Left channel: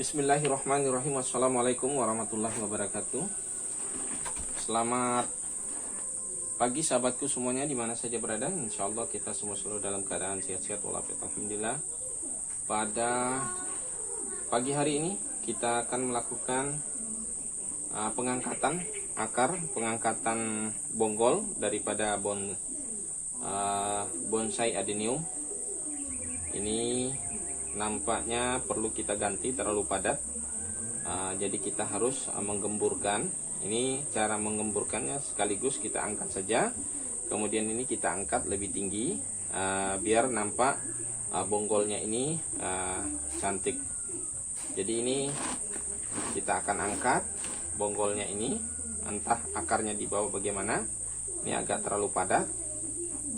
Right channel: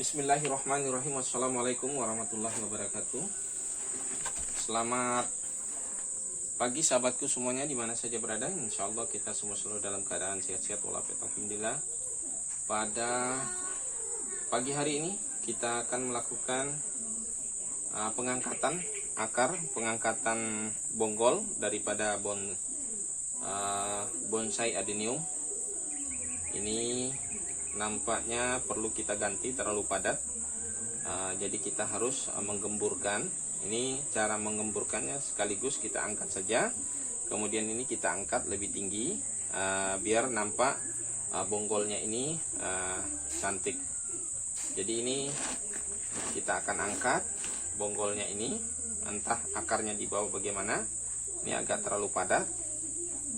Bismillahirrahmanirrahim. Assalamualaikum warahmatullahi wabarakatuh. Selamat pagi sahabatku semuanya dimana saja berada. Insya Allah kita semua selalu dalam keadaan sehat-sehat walafiat. Alhamdulillah. Pada pagi hari ini kita akan melakukan pengangkatan akar, pengangkatan bonggol daripada bonsai adenium. Ini nampaknya perlu kita ganti, terlalu padat. Jadi kita harus menggemburkan. Ini cara menggemburkannya, sekaligus kita angkat saja. Kemudian ini kita angkat lebih tinggi, biar nampak bonggolnya ini cantik. Jadi ini kita akan angkat bonggolnya ini, entah akarnya di bawah bagaimana. Ini agak terlalu padat.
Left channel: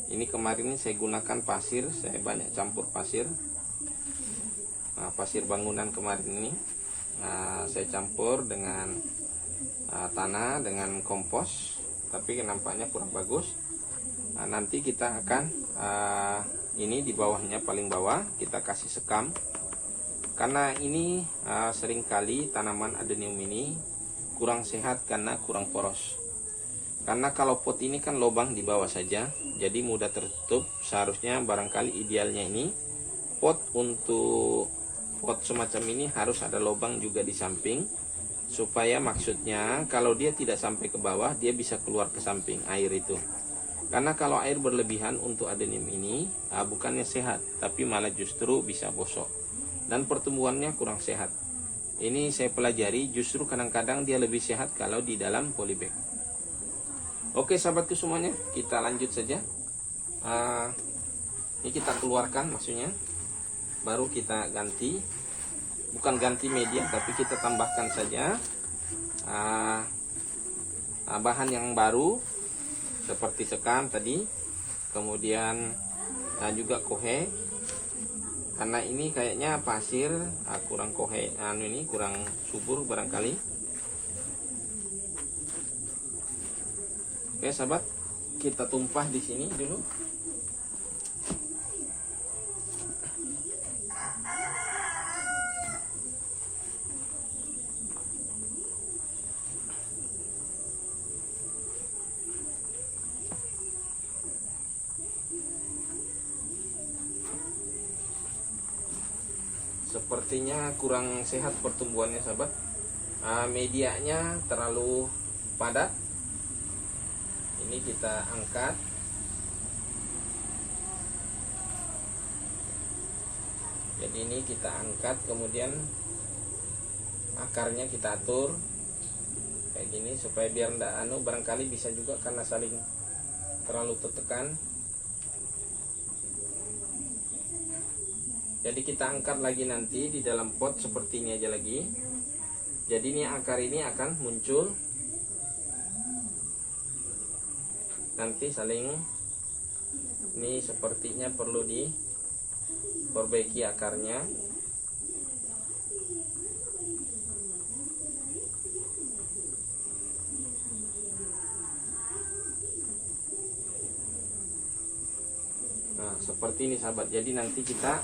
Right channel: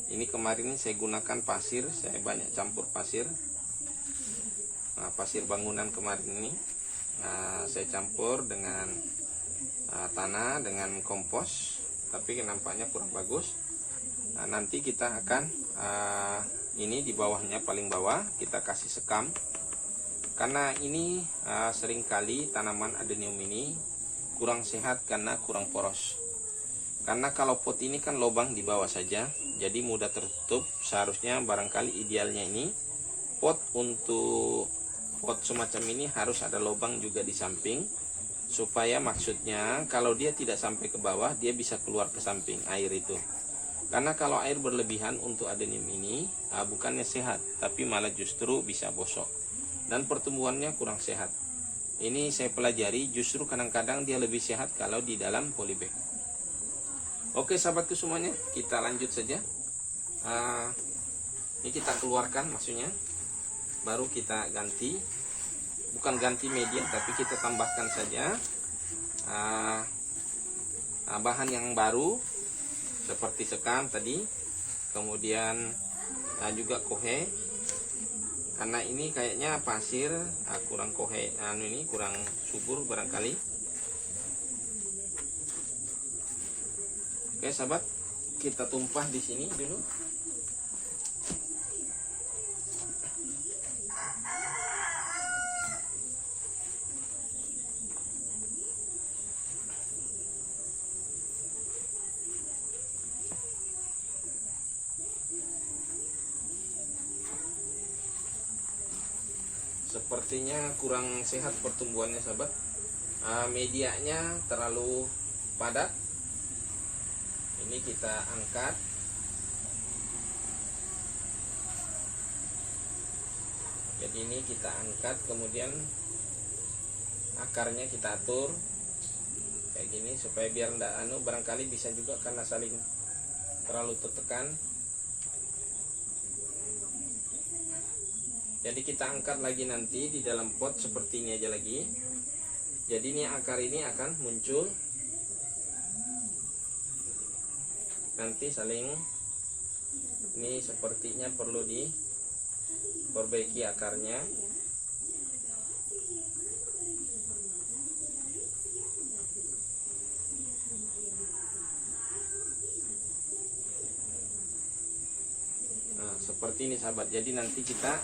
Ini kemarin saya gunakan pasir, saya banyak campur pasir. Pasir bangunan kemarin ini saya campur dengan tanah, dengan kompos, tapi nampaknya kurang bagus. Nanti kita akan ini di bawahnya, paling bawah kita kasih sekam, karena ini seringkali tanaman adenium ini kurang sehat karena kurang poros. Karena kalau pot ini kan lubang di bawah saja, jadi mudah tertutup. Seharusnya barangkali idealnya ini pot semacam ini harus ada lubang juga di samping, supaya maksudnya kalau dia tidak sampai ke bawah, dia bisa keluar ke samping air itu. Karena kalau air berlebihan untuk adenium ini bukannya sehat, tapi malah justru bisa bosok dan pertumbuhannya kurang sehat. Ini saya pelajari, justru kadang-kadang dia lebih sehat kalau di dalam polybag. Oke sahabatku semuanya, kita lanjut saja. Ini kita keluarkan maksudnya, baru kita ganti, bukan ganti media, tapi kita tambahkan saja bahan yang baru seperti sekam tadi, kemudian juga kohe, karena ini kayaknya pasir kurang kohe, ini kurang subur barangkali. Oke sahabat, kita tumpah di sini dulu. Sepertinya kurang sehat pertumbuhannya sahabat. Medianya terlalu padat. Ini kita angkat. Jadi ini kita angkat, kemudian akarnya kita atur kayak gini supaya biar ndak barangkali bisa juga karena saling terlalu tertekan. Jadi kita angkat lagi nanti di dalam pot seperti ini aja lagi. Jadi ini akar ini akan muncul. Nanti saling, ini sepertinya perlu diperbaiki akarnya. Nah, seperti ini sahabat. Jadi nanti kita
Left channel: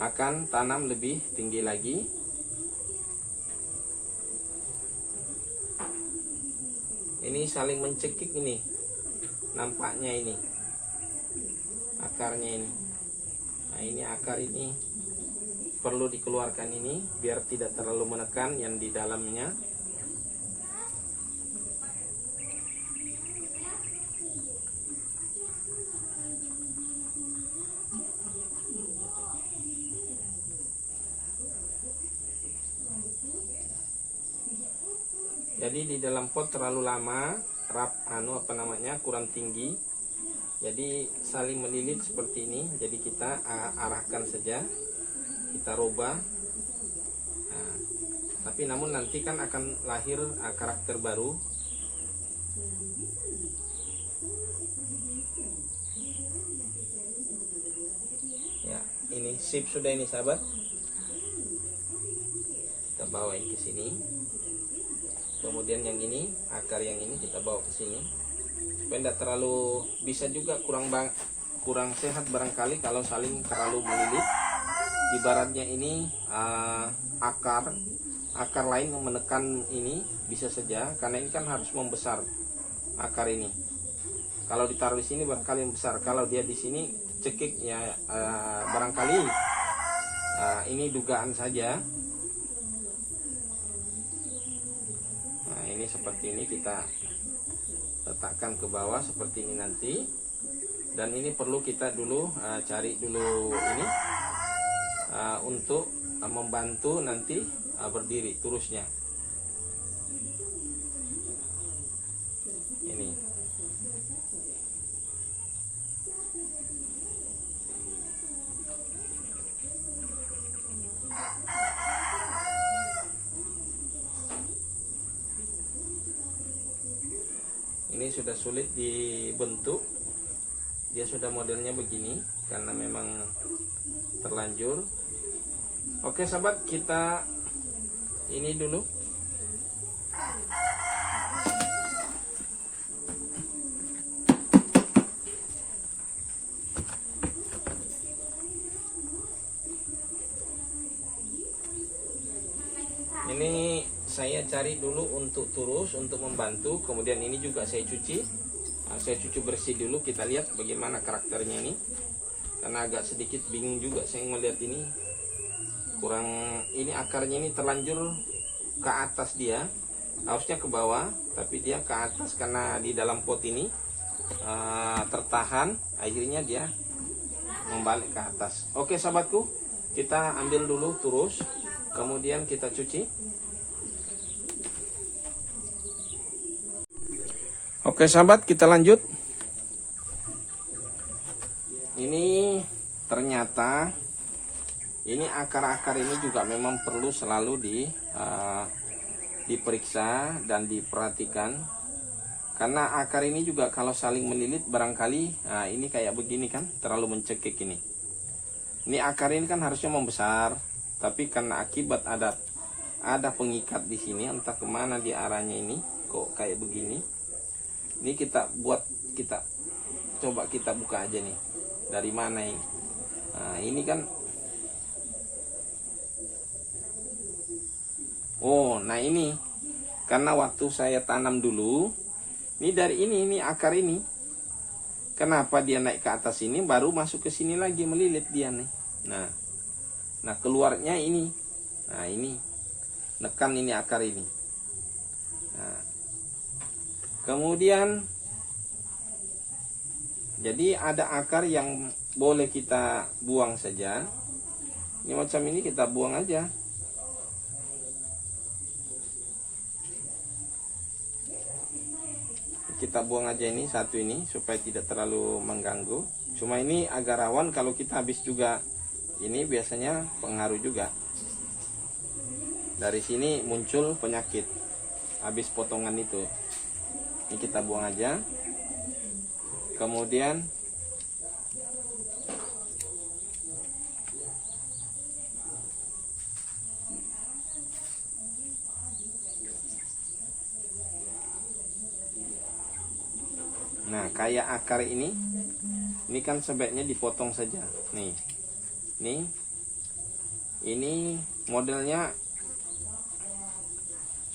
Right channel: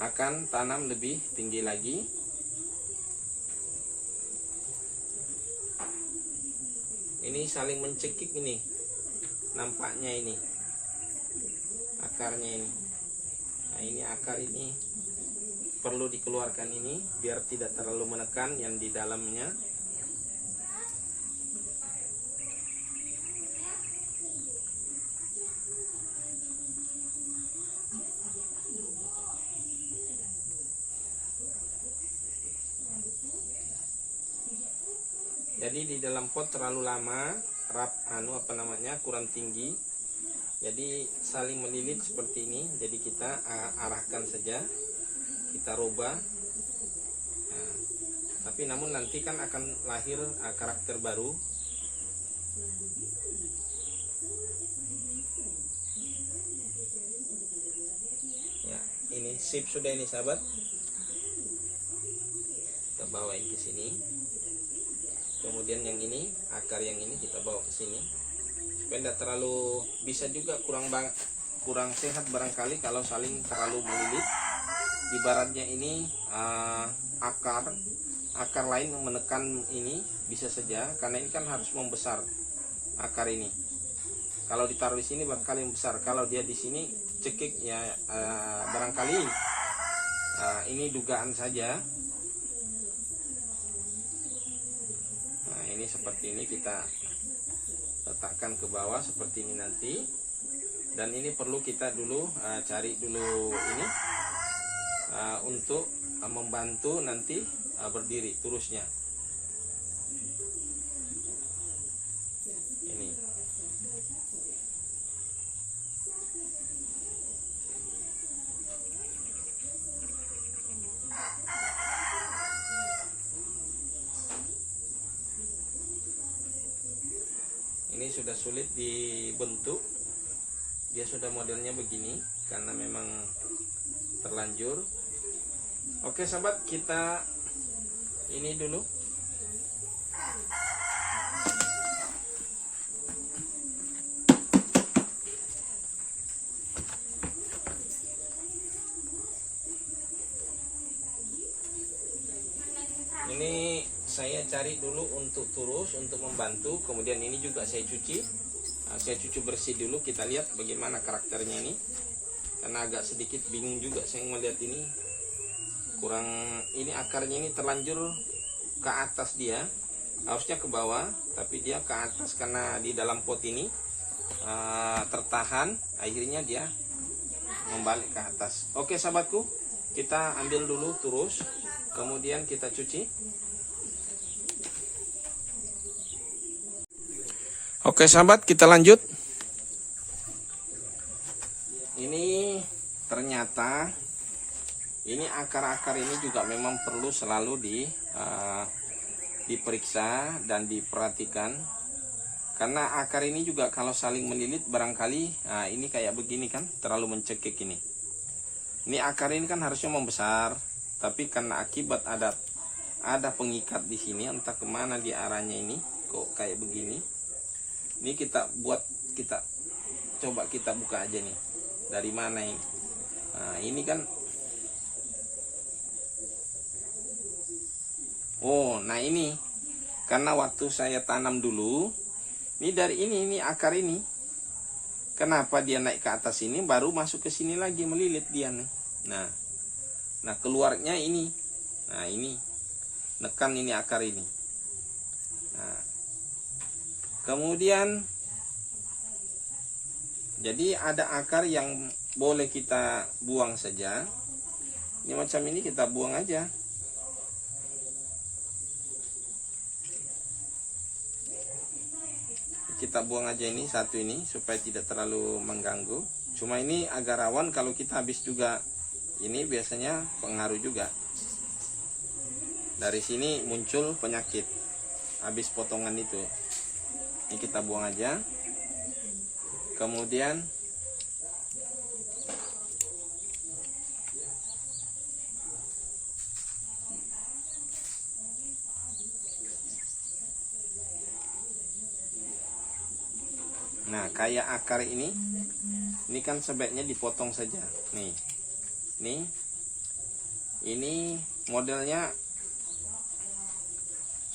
akan tanam lebih tinggi lagi. Ini saling mencekik ini. Nampaknya ini akarnya ini. Nah, ini akar ini perlu dikeluarkan ini biar tidak terlalu menekan yang di dalamnya. Jadi di dalam pot terlalu lama, kurang tinggi. Jadi saling melilit seperti ini. Jadi kita arahkan saja, kita rubah. Nah, tapi namun nanti kan akan lahir karakter baru. Ya, ini sip sudah ini sahabat. Kita bawa ke sini. Kemudian yang ini, akar yang ini kita bawa ke sini. Tidak terlalu, bisa juga kurang sehat barangkali kalau saling terlalu melilit. ibaratnya ini akar lain yang menekan ini bisa saja, karena ini kan harus membesar akar ini. Kalau ditaruh di sini barangkali membesar, kalau dia di sini cekik ya, barangkali ini dugaan saja. Nah, ini seperti ini kita letakkan ke bawah seperti ini nanti. Dan ini perlu kita dulu cari dulu ini untuk membantu nanti berdiri turusnya. Ini sudah sulit dibentuk, dia sudah modelnya begini karena memang terlanjur. Oke sahabat, kita ini dulu. Ini saya cari dulu untuk turus, untuk membantu. Kemudian ini juga saya cuci. Saya cuci bersih dulu. Kita lihat bagaimana karakternya ini. Karena agak sedikit bingung juga saya melihat ini. Kurang, ini akarnya ini terlanjur ke atas dia. Harusnya ke bawah, tapi dia ke atas karena di dalam pot ini tertahan. Akhirnya dia membalik ke atas. Oke sahabatku, kita ambil dulu turus. Kemudian kita cuci. Oke sahabat, kita lanjut. Ini ternyata ini akar-akar ini juga memang perlu selalu diperiksa dan diperhatikan. Karena akar ini juga kalau saling melilit barangkali ini kayak begini kan, terlalu mencekik ini. Ini akar ini kan harusnya membesar, tapi karena akibat ada pengikat di sini, entah kemana di arahnya ini, kok kayak begini. Ini kita coba kita buka aja nih, dari mana ini. Nah, ini kan, nah ini karena waktu saya tanam dulu, ini dari ini akar ini, kenapa dia naik ke atas ini, baru masuk ke sini lagi melilit dia nih. Nah keluarnya ini, nah ini nekan ini akar ini. Nah, kemudian jadi ada akar yang boleh kita buang saja. Ini macam ini kita buang aja. Kita buang aja ini satu ini supaya tidak terlalu mengganggu. Cuma ini agak rawan kalau kita habis juga. Ini biasanya pengaruh juga. Dari sini muncul penyakit habis potongan itu. Ini kita buang aja. Kemudian nah kayak akar ini kan sebaiknya dipotong saja. Nih. Ini modelnya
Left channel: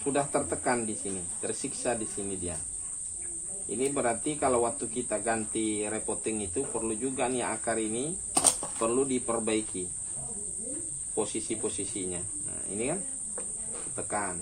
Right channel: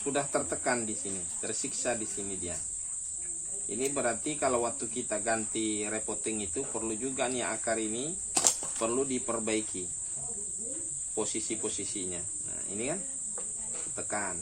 sudah tertekan di sini, tersiksa di sini dia. Ini berarti kalau waktu kita ganti repotting itu perlu juga nih akar ini perlu diperbaiki posisi-posisinya. Nah, ini kan tekan.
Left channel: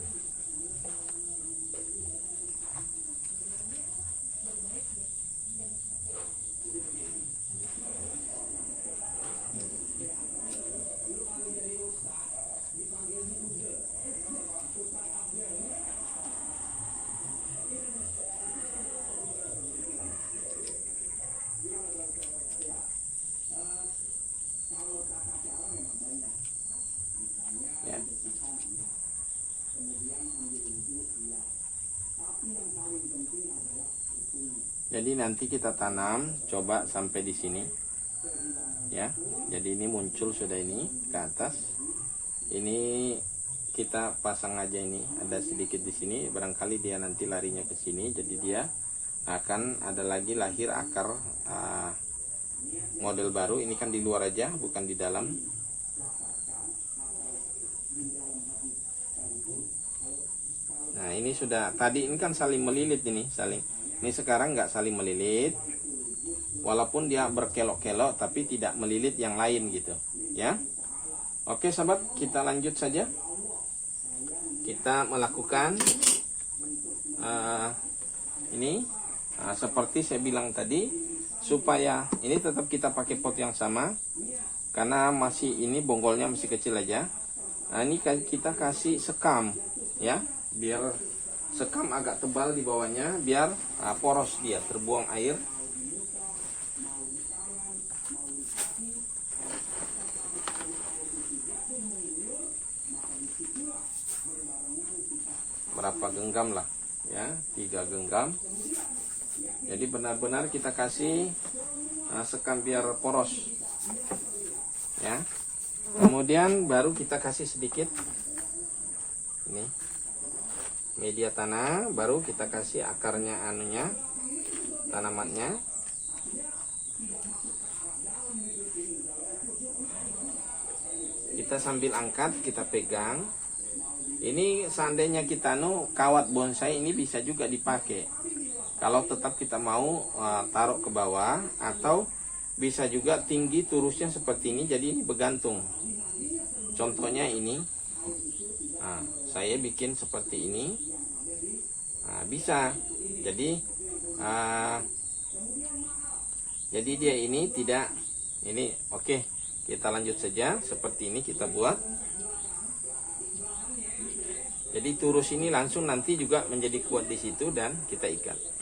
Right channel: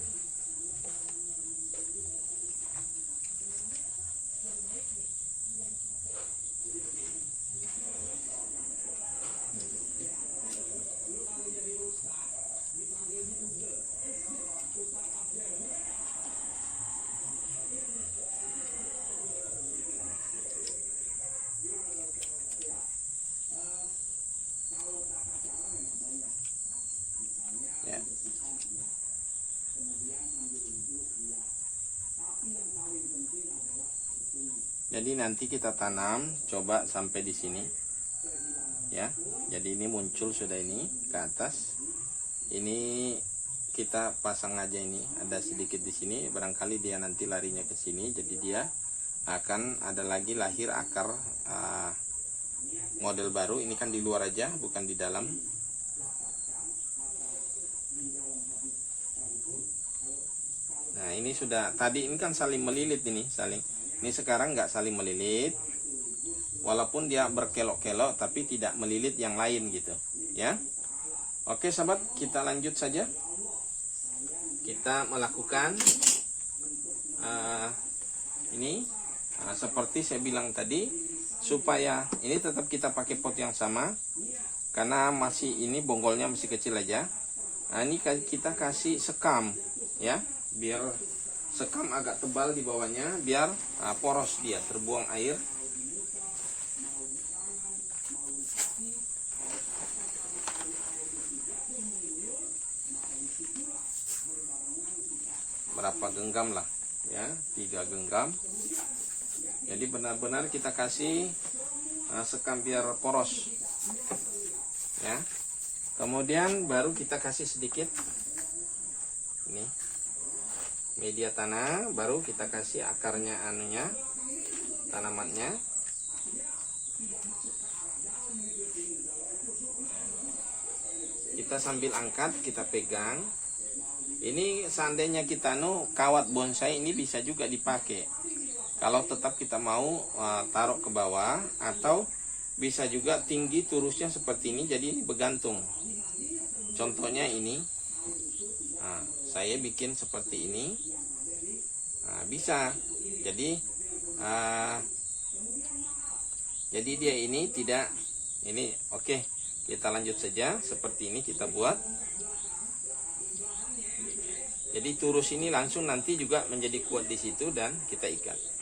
Jadi nanti kita tanam coba sampai di sini ya. Jadi ini muncul sudah ini ke atas. Ini kita pasang aja, ini ada sedikit di sini, barangkali dia nanti larinya ke sini, jadi dia akan ada lagi lahir akar model baru. Ini kan di luar aja, bukan di dalam. Nah ini sudah, tadi ini kan saling melilit ini, ini sekarang nggak saling melilit, walaupun dia berkelok-kelok tapi tidak melilit yang lain gitu ya. Oke sahabat, kita lanjut saja. Kita melakukan ini seperti saya bilang tadi, supaya ini tetap kita pakai pot yang sama karena masih ini bonggolnya masih kecil aja. Nah ini kita kasih sekam ya, biar sekam agak tebal di bawahnya, biar poros dia, terbuang air. Berapa genggam lah ya, 3 genggam. Jadi benar-benar kita kasih sekam biar poros ya. Kemudian baru kita kasih sedikit ini media tanah, baru kita kasih akarnya anunya, tanamannya. Kita sambil angkat, kita pegang. Ini seandainya kita kawat bonsai ini bisa juga dipakai. Kalau tetap kita mau taruh ke bawah, atau bisa juga tinggi turusnya seperti ini, jadi ini bergantung. Contohnya ini, saya bikin seperti ini, bisa. Jadi dia ini tidak ini. Oke, kita lanjut saja. Seperti ini kita buat. Jadi turus ini langsung nanti juga menjadi kuat di situ dan kita ikat.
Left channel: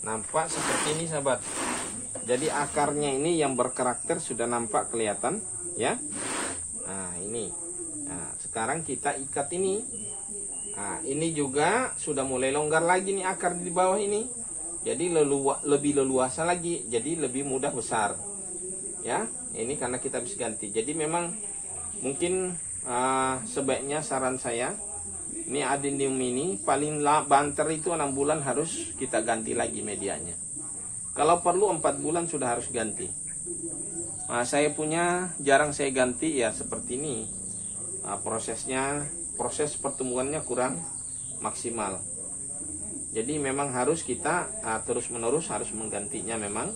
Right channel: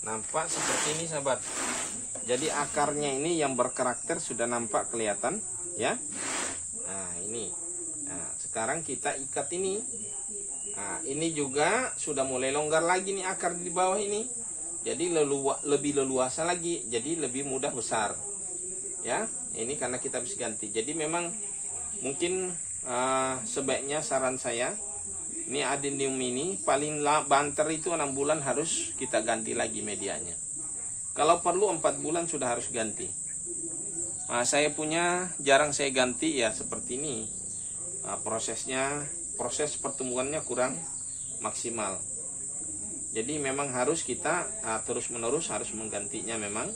Nampak seperti ini sahabat. Jadi akarnya ini yang berkarakter sudah nampak kelihatan ya. Nah ini. Nah sekarang kita ikat ini. Nah ini juga sudah mulai longgar lagi nih akar di bawah ini. Jadi lebih leluasa lagi. Jadi lebih mudah besar. Ya ini karena kita bisa ganti. Jadi memang mungkin sebaiknya saran saya, ini adenium ini paling banter itu 6 bulan harus kita ganti lagi medianya. Kalau perlu 4 bulan sudah harus ganti. Nah, saya punya jarang saya ganti ya seperti ini. Nah, proses pertumbuhannya kurang maksimal. Jadi memang harus kita terus menerus harus menggantinya memang.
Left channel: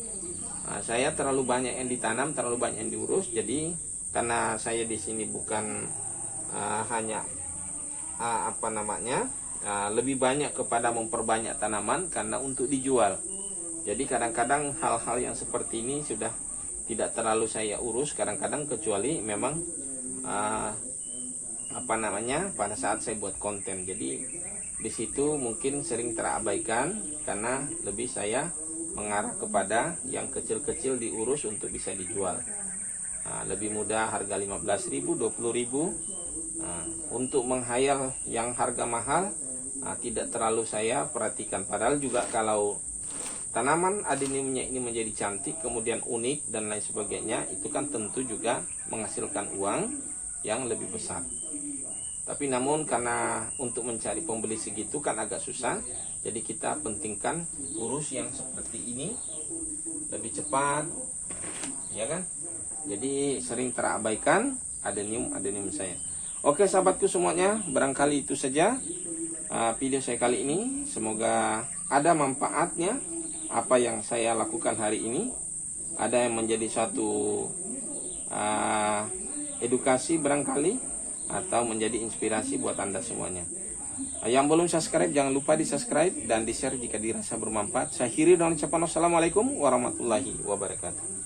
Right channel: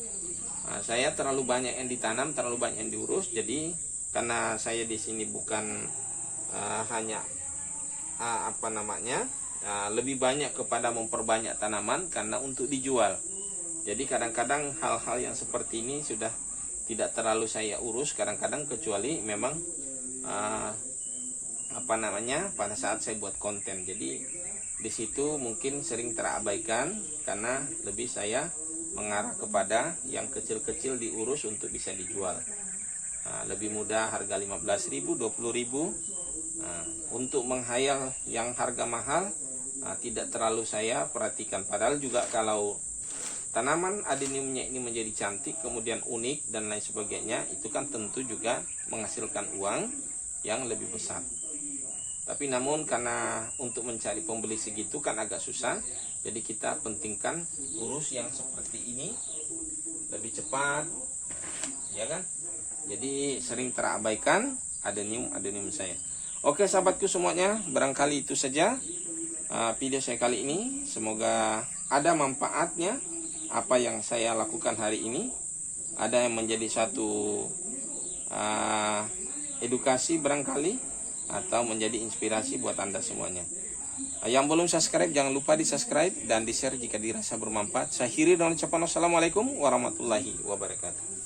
Nah, saya terlalu banyak yang ditanam, terlalu banyak yang diurus. Jadi karena saya di sini bukan hanya lebih banyak kepada memperbanyak tanaman karena untuk dijual. Jadi kadang-kadang hal-hal yang seperti ini sudah tidak terlalu saya urus kadang-kadang, kecuali memang pada saat saya buat konten. Jadi di situ mungkin sering terabaikan karena lebih saya mengarah kepada yang kecil-kecil diurus untuk bisa dijual. Lebih mudah, harga 15.000, 20.000. Untuk menghayal yang harga mahal tidak terlalu saya perhatikan. Padahal juga kalau tanaman adeniumnya ini menjadi cantik, kemudian unik dan lain sebagainya, itu kan tentu juga menghasilkan uang yang lebih besar. Tapi namun karena untuk mencari pembeli segitu kan agak susah, jadi kita pentingkan urus yang seperti ini lebih cepat, ya kan? Jadi sering terabaikan adenium saya. Oke sahabatku semuanya, barangkali itu saja video saya kali ini. Semoga ada manfaatnya apa yang saya lakukan hari ini, ada yang menjadi satu edukasi barangkali, atau menjadi inspirasi buat Anda semuanya. Yang belum subscribe jangan lupa di subscribe dan di share jika dirasa bermanfaat. Saya akhiri dengan ucapan wassalamualaikum warahmatullahi wabarakatuh.